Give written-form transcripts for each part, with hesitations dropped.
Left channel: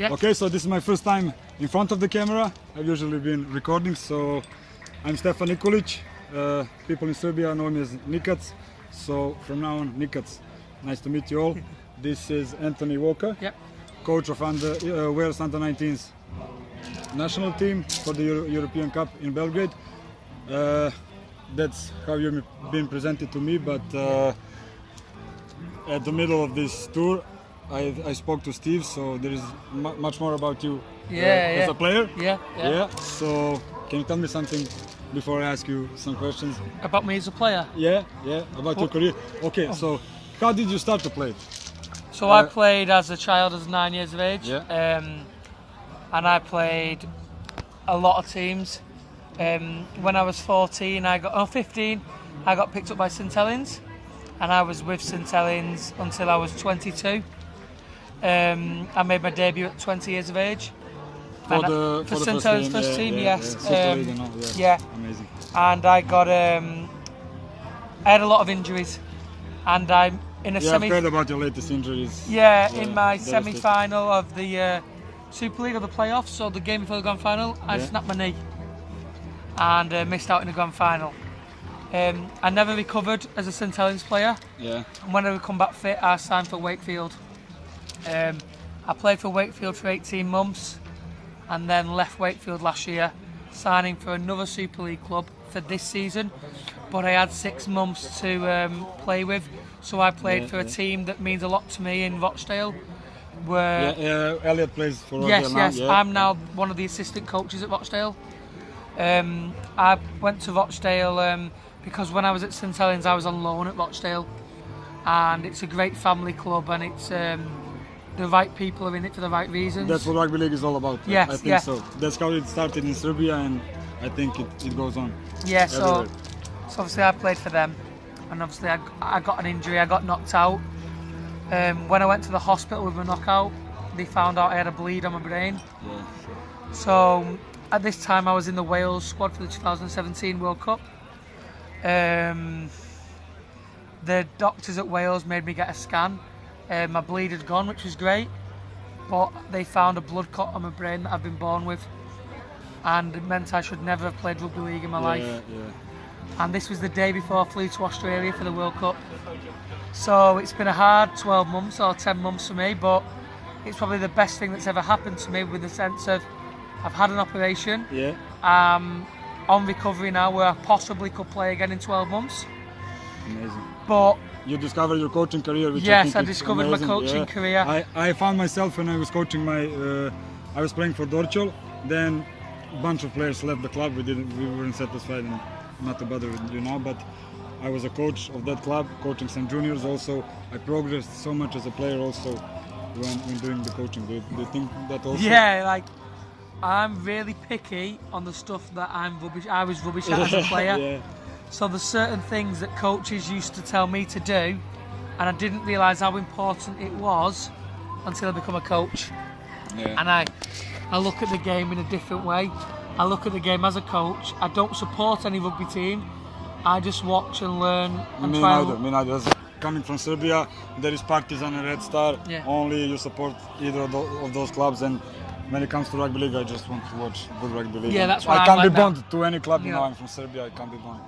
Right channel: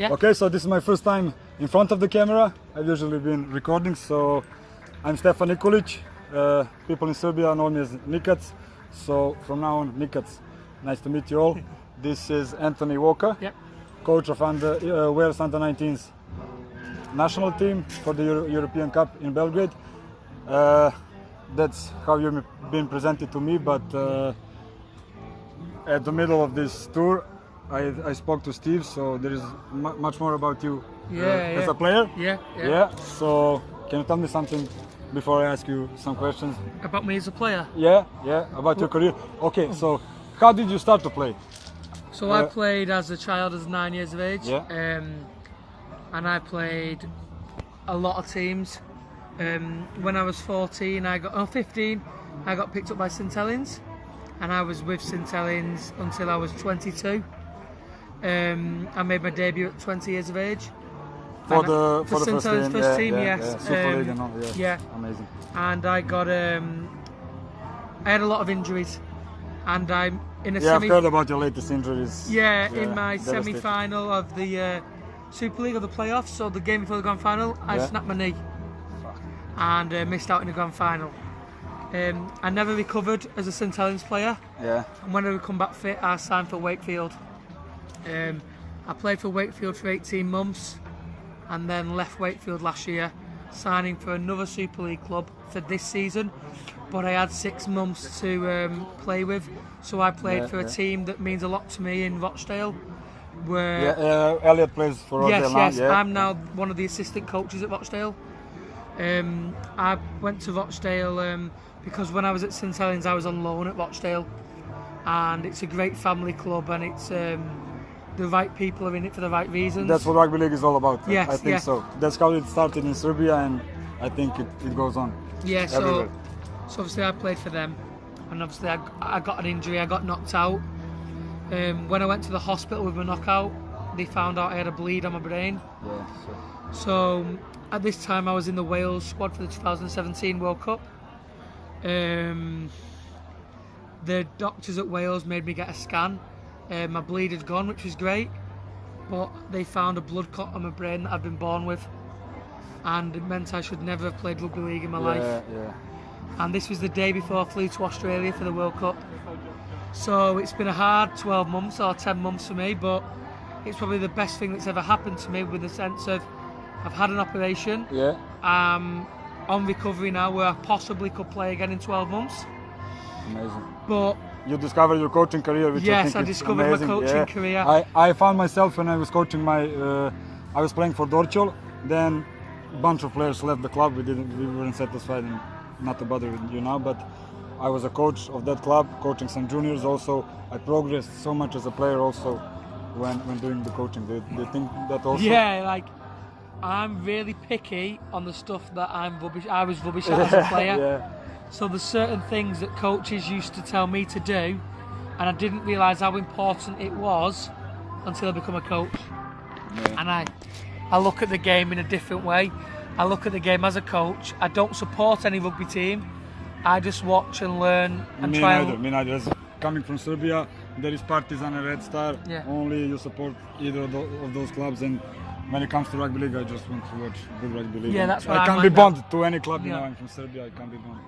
Yeah. Okay, so this is my first time in front of the camera. I've usually been recording, so I'm Stefan Nikolic. People in Serbia know me as Nikac, so from now on, Nikac. Nice to meet you all. This is Anthony Walker, Yep. coach of Wales under-19s national team for the European Cup in Belgrade. That's how you've been presented to me, but at the middle of this tour, I spoke to Steve, so there is much more about you as a player. Yeah. So can you tell me something before I ask you some questions? About me as a player? Yeah, about your career. Okay, so how did you start to play? So I played as a child, as 9 years of age. Yeah. And I played a lot of teams. When I was 15, I got picked up by St Helens, and I was with St Helens until I was 22. I made my debut at 20 years of age. For the St Helens first team, yes. Super League and all, yeah. Amazing. And I got, I had a lot of injuries, and I'm in a I've heard about your latest injuries. in my semi-final of the Super League, of the playoffs, so the game before the grand final, I snapped my knee and missed out in the grand final. I never recovered as a St Helens player. Yeah. And when I would come back fit, I signed for Wakefield. I played for Wakefield for 18 months and then left Wakefield last year, signing for another Super League club for this season. But I had 6 months to play with, so I played for a team that means a lot to me in Rochdale. Elliot plays for Rochdale now. Yes. I'm now one of the assistant coaches at Rochdale. I went to Rochdale because when I was at St Helens, I was on loan at Rochdale, and it's a great family club, and it's the right people are in it for the right reasons. That's what rugby league is all about. Yes, I think so. That's how it started in Serbia, and I think it goes on. Yeah, everywhere. So obviously I played for them, and obviously I got an injury. I got knocked out. When I went to the hospital with my knockout, they found out I had a bleed on my brain. Yeah. So at this time I was in the Wales squad for the 2017 World Cup. The doctors at Wales made me get a scan. My bleed had gone, which was great, but they found a blood clot on my brain that I'd been born with, and it meant I should never have played rugby league in my life. Yeah. And this was the day before I flew to Australia for the World Cup. So it's been a hard 12 months or 10 months for me, but it's probably the best thing that's ever happened to me, with the sense of I've had an operation. Yeah. On recovery now, where I possibly could play again in 12 months. Amazing. But you discovered your coaching career, which yes, I I think discovered amazing. my coaching career. I found myself when I was coaching I was playing for Dorchel. Then a bunch of players left the club. We weren't satisfied, and not to bother you now, but I was a coach of that club, coaching some juniors also. I progressed so much as a player also when doing the coaching. Do you think that also? Yeah, like I'm really picky on the stuff that I was rubbish at as a player. Yeah. So there's certain things that coaches used to tell me to do, and I didn't realise how important it was until I become a coach. Yeah. And I look at the game in a different way. I look at the game as a coach. I don't support any rugby team. I just watch and learn. And Me neither. As coming from Serbia, there is Partizan and Red Star. Yeah. Only you support either of those clubs, and when it comes to rugby league, I just want to watch good rugby league. Yeah, that's what I I'm can't like be now. bound to any club. You Yeah. know, I'm from Serbia. I can't be bound.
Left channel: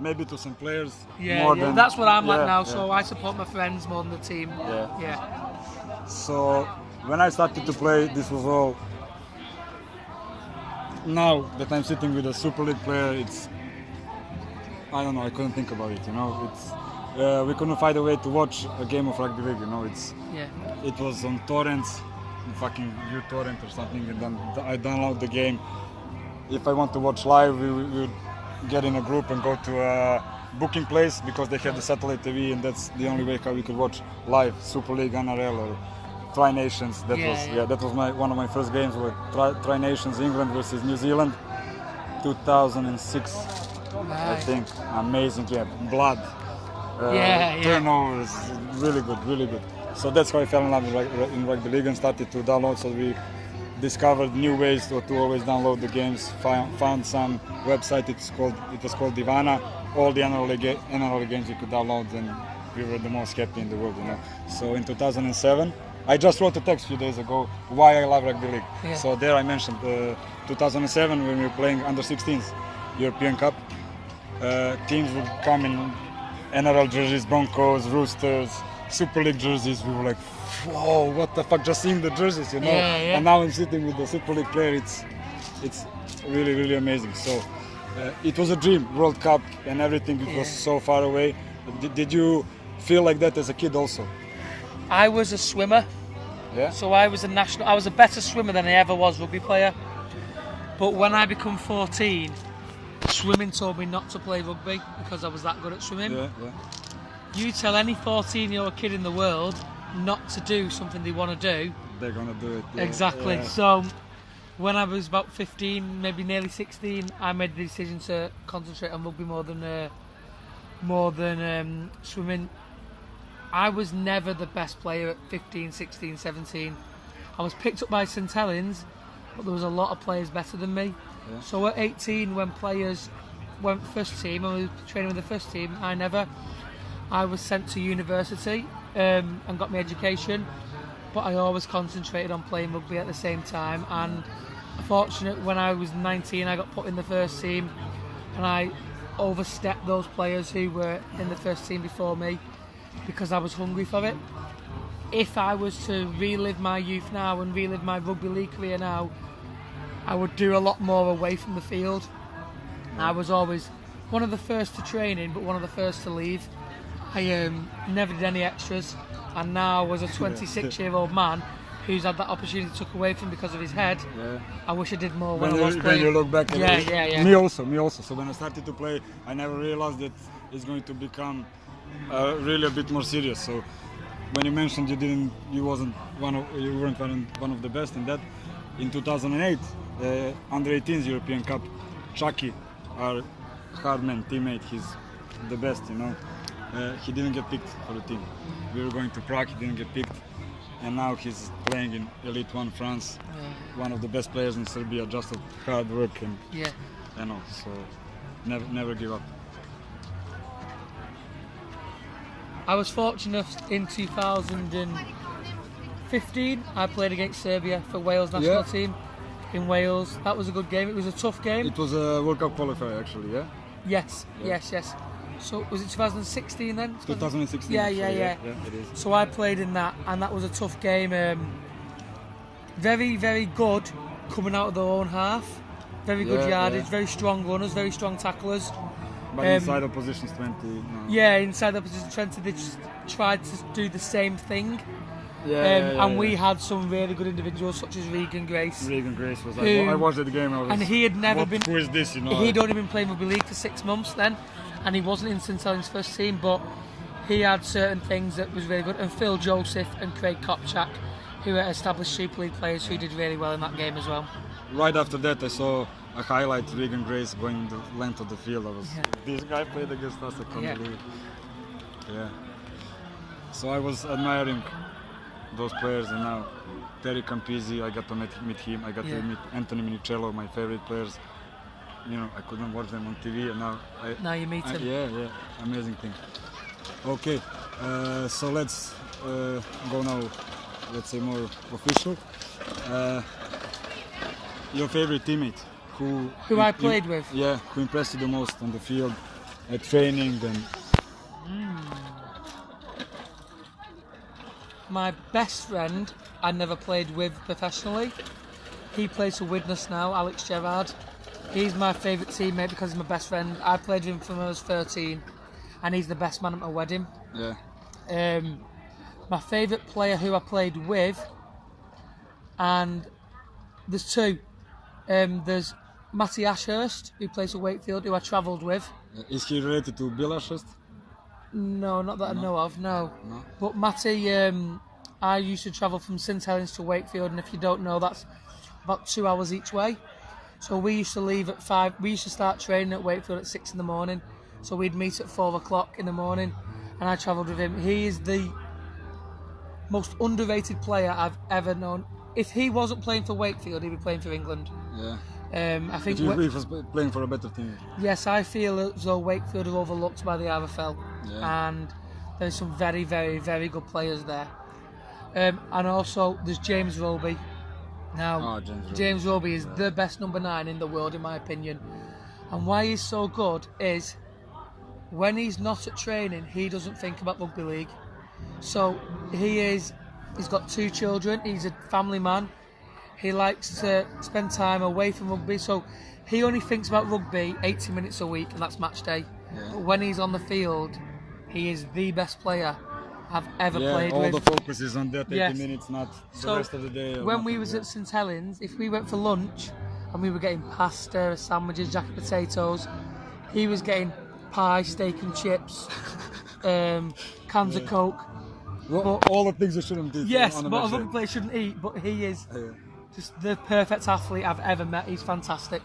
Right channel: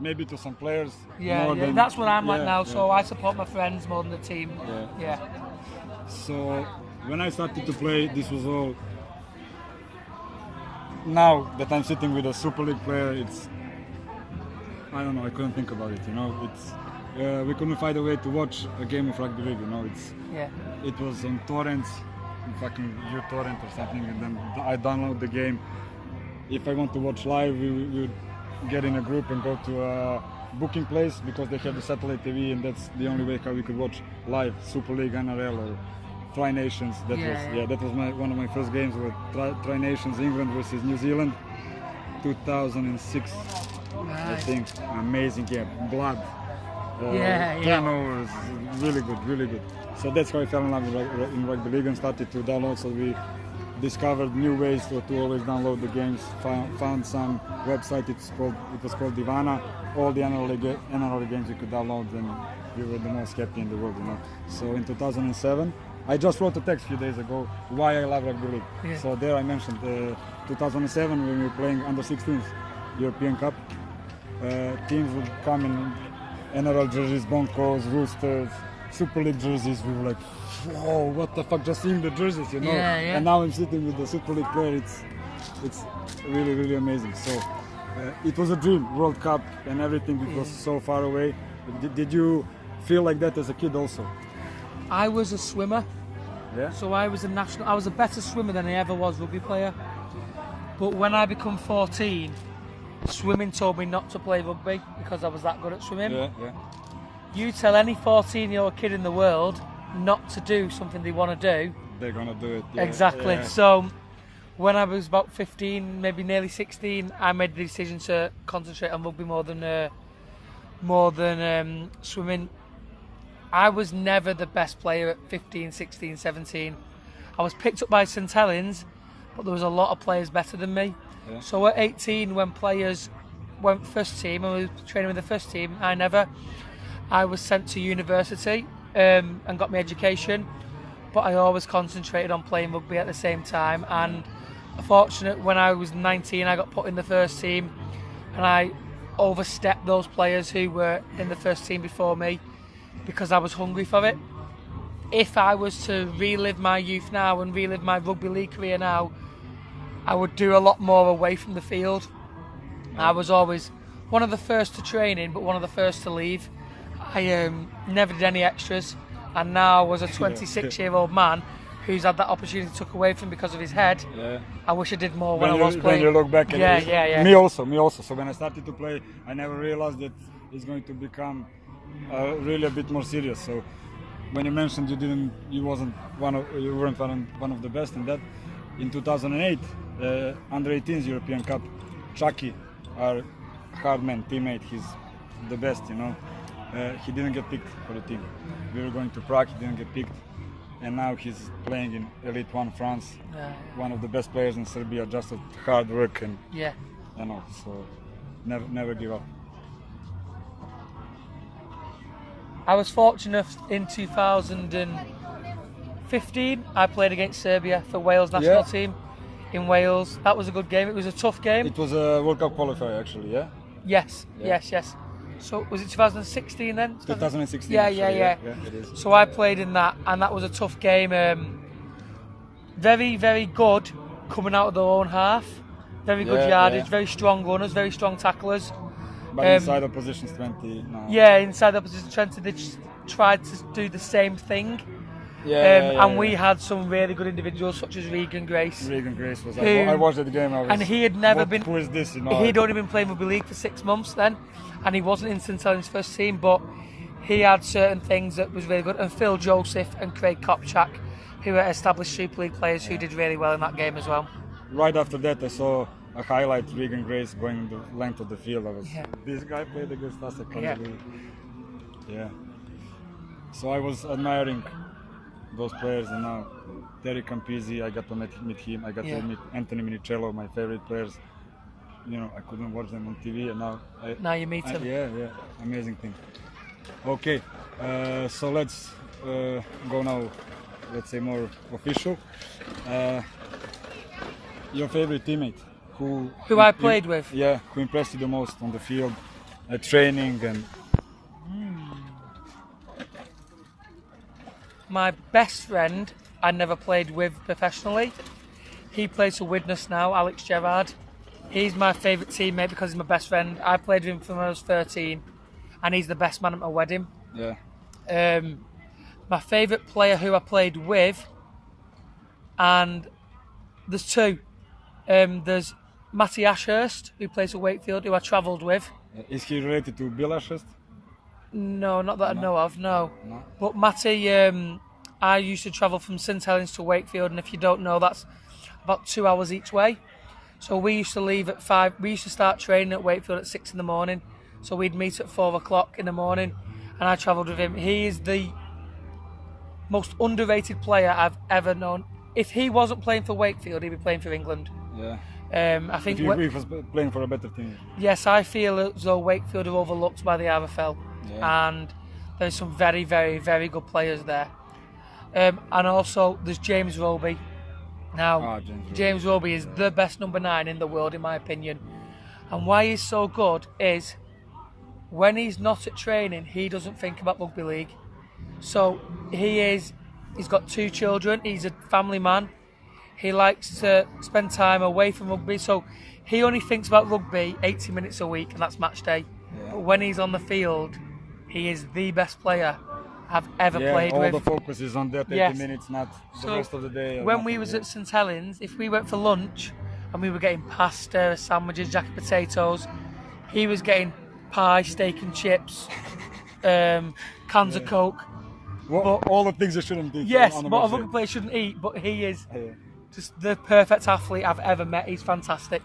Maybe to some players. Yeah, that's what I'm like now. Yeah. So I support my friends more than the team. Yeah. So when I started to play, this was all. Now that I'm sitting with a Super League player, I don't know. I couldn't think about it. You know, we couldn't find a way to watch a game of rugby league. You know, it was on torrents, fucking uTorrent or something, and then I download the game. If I want to watch live, we would get in a group and go to a booking place, because they have the satellite TV, and that's the only way how we could watch live Super League, NRL, or Tri Nations. That was one of my first games, with Tri Nations, England versus New Zealand, 2006. I think amazing game, blood, turnovers, really good. So that's how I fell in love in rugby league and started to download. So we discovered new ways to always download the games. Found some website. It was called Divana. All the NRL games you could download, and we were the most happy in the world. You know. So in 2007, I just wrote a text a few days ago why I love rugby league. Yeah. So there I mentioned 2007 when we were playing under 16s European Cup. Teams would come in NRL jerseys, Broncos, Roosters, Super League jerseys. We were like, whoa, what the fuck? Just seeing the jerseys, you know. Yeah, yeah. And now I'm sitting with the Super League player. It's really, really amazing. So it was a dream, World Cup and everything. It was so far away. Did you feel like that as a kid also? I was a swimmer. Yeah. So I was a better swimmer than I ever was rugby player. But when I become 14, swimming told me not to play rugby because I was that good at swimming. Yeah. You tell any 14-year-old kid in the world not to do something they want to do, they're gonna do it. Yeah. Exactly. Yeah. So when I was about 15, maybe nearly 16, I made the decision to concentrate on rugby more than swimming. I was never the best player at 15, 16, 17. I was picked up by St Helens, but there was a lot of players better than me. Yeah. So at 18, when players went first team and we were training with the first team, I was sent to university and got my education, but I always concentrated on playing rugby at the same time. And fortunate, when I was 19, I got put in the first team, and I overstepped those players who were in the first team before me because I was hungry for it. If I was to relive my youth now and relive my rugby league career now, I would do a lot more away from the field. I was always one of the first to training, but one of the first to leave. I never did any extras, and now as a 26-year-old man who's had that opportunity took away from him because of his head, I wish I did more when I was playing. When you look back at it. Yeah. Me also. So when I started to play, I never realized that it's going to become really a bit more serious. So when you mentioned you weren't one of the best in that, in 2008, under 18s European Cup, Chucky, our hardman teammate, he's the best, you know. He didn't get picked for the team. We were going to Prague, he didn't get picked, and now he's playing in Elite 1 France, one of the best players in Serbia, just at hard work and you know. So never give up. I was fortunate in 2015. I played against Serbia for Wales national team in Wales. That was a good game. It was a tough game. It was a World Cup qualifier, actually. Yes. So was it 2016 then? 2016. Yeah. It is. So I played in that, and that was a tough game. Very, very good coming out of their own half. Very good yardage, very strong runners, very strong tacklers. But inside the positions 20 now. Yeah, inside the position 20, they just tried to do the same thing. And we had some really good individuals such as Regan Grace. Regan Grace was. I watched the game. And he had never been. Who is this? You know. He'd only been playing rugby league for 6 months then, and he wasn't in St Helens' first team, but he had certain things that was really good. And Phil Joseph and Craig Kopchak, who are established Super League players, who did really well in that game as well. Right after that, I saw a highlight, Regan Grace going the length of the field. This guy played against us, I can't believe it. Yeah. So I was admiring those players, and now Terry Campisi, I got to meet him. I got to meet Anthony Minicello, my favorite players. You know, I couldn't watch them on TV, and now you meet them. Yeah, amazing thing. Okay, so let's go now. Let's say more official. Your favorite teammate, who I played with? Yeah, who impressed you the most on the field, at training and. My best friend I never played with professionally. He plays for Widnes now, Alex Gerrard. He's my favourite teammate because he's my best friend. I played with him from when I was 13, and he's the best man at my wedding. Yeah. My favourite player who I played with, and there's two. There's Matty Ashurst, who plays for Wakefield, who I travelled with. Is he related to Bill Ashurst? No, not that I know of, no. But Matty, I used to travel from St Helens to Wakefield, and if you don't know, that's about 2 hours each way. So we used to leave at 5, we used to start training at Wakefield at 6 in the morning. So we'd meet at 4 o'clock in the morning, and I travelled with him. He is the most underrated player I've ever known. If he wasn't playing for Wakefield, he'd be playing for England. Yeah. I think if he was playing for a better team. Yes, I feel as though Wakefield are overlooked by the RFL, and there's some very, very, very good players there. And also there's James Roby. Now, James Roby is the best number 9 in the world, in my opinion. And why he's so good is when he's not at training, he doesn't think about rugby league. So he's got 2 children, he's a family man. He likes to spend time away from rugby, so he only thinks about rugby 80 minutes a week, and that's match day. Yeah. But when he's on the field, he is the best player I've ever played with. Yeah, all the focus is on the 30 minutes, not the rest of the day. When we was at St Helens, if we went for lunch and we were getting pasta, sandwiches, jacket potatoes, he was getting pie, steak and chips, cans of Coke. All the things you shouldn't eat. Yes, what a rugby player shouldn't eat, but he is just the perfect athlete I've ever met. He's fantastic.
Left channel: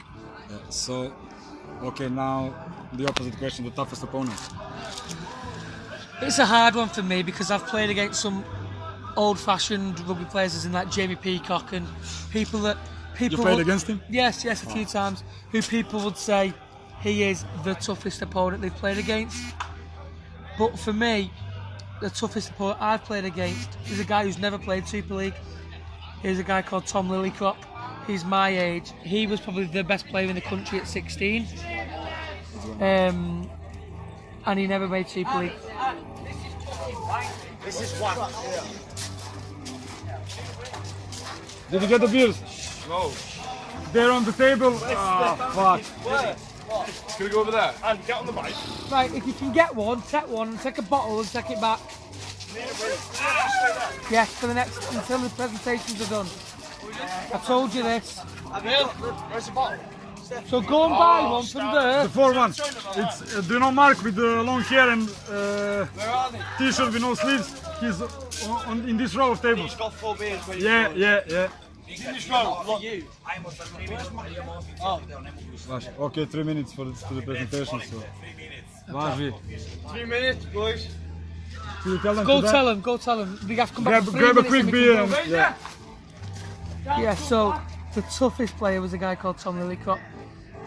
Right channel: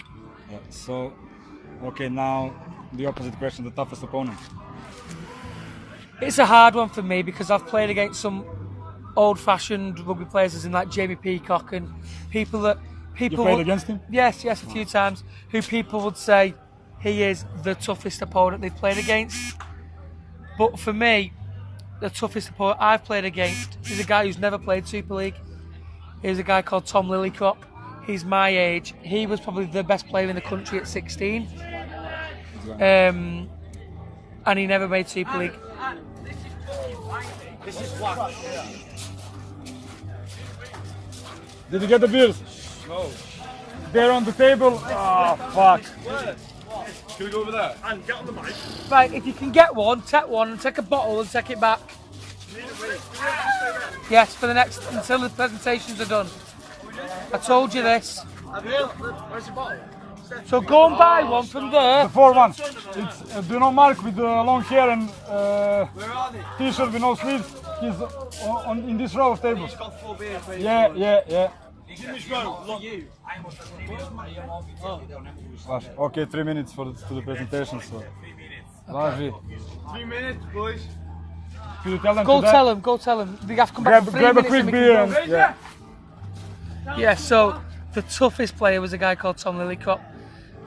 Yeah, so, okay, now the opposite question, the toughest opponent. It's a hard one for me because I've played against some old-fashioned rugby players, as in like Jamie Peacock and people that You played against him? Yes, a few times. Who people would say he is the toughest opponent they've played against. But for me, the toughest opponent I've played against is a guy who's never played Super League. He's a guy called Tom Lillicrop. He's my age. He was probably the best player in the country at 16. And he never made Super League. Did you get the beers? No. They're on the table. Fuck. Can we go over there? And get on the bike. Right, if you can get one, and take a bottle and take it back. Yes, for the next, until the presentations are done. I told you this. Where's the bottle? So go and buy one from there. The 4-1. It's do you know Mark with the long hair and t-shirt with no sleeves? He's in this row of tables. He's got 4 beers. Yeah. In this row. Look. Okay, 3 minutes to the presentation. So. 3 minutes, boys. Should you tell them Go tell them. We have to come back. Grab a quick beer. Yeah, so the toughest player was a guy called Tom Lillicrop.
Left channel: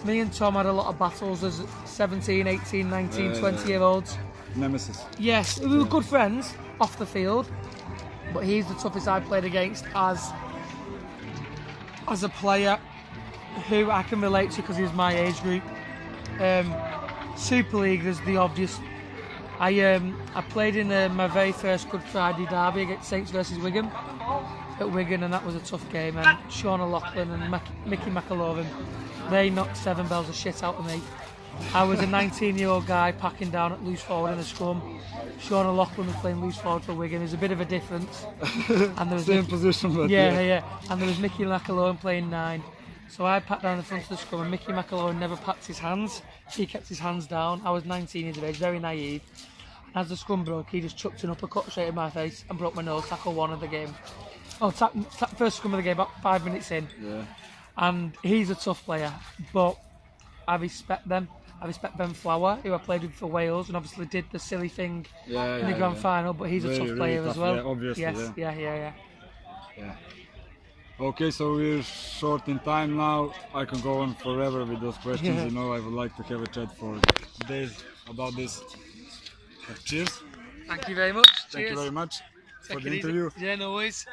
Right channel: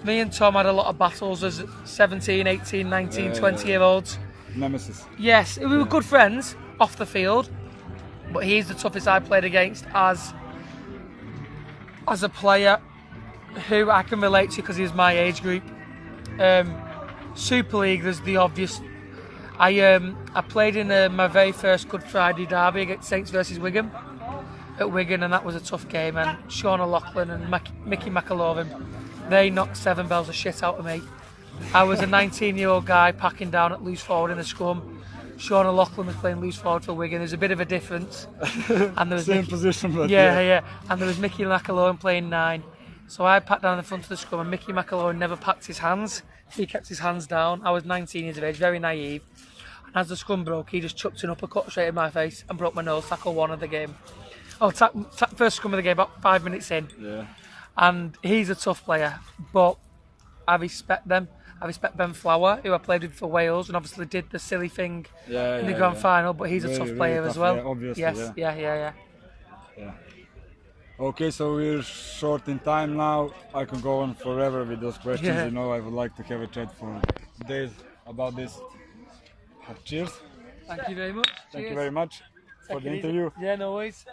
Me and Tom had a lot of battles as 17, 18, 19, 20-year-olds. Nemesis. Yes, we were good friends off the field, but he's the toughest I played against as a player who I can relate to because he was my age group. Super League, there's the obvious. I played in my very first Good Friday derby against Saints versus Wigan at Wigan, and that was a tough game. And Sean O'Loughlin and Micky McIlorum, they knocked 7 bells of shit out of me. I was a 19-year-old guy packing down at loose forward in a scrum. Sean O'Loughlin was playing loose forward for Wigan. There's a bit of a difference. And there was position, but yeah. And there was Micky McIlorum playing 9. So I packed down the front of the scrum, and Micky McIlorum never packed his hands. He kept his hands down. I was 19 years of age, very naive. And as the scrum broke, he just chucked an uppercut straight in my face and broke my nose. Tackle 1 of the game. First scrum of the game, about 5 minutes in. Yeah. And he's a tough player, but I respect them. I respect Ben Flower, who I played with for Wales, and obviously did the silly thing in the grand final. But he's a tough player as well. Yeah, obviously. Yes, yeah. Okay, so we're short in time now. I can go on forever with those questions. Yeah. You know, I would like to have a chat for days about this. Cheers. Thank you very much. Thank you very much for the interview. Yeah, no worries.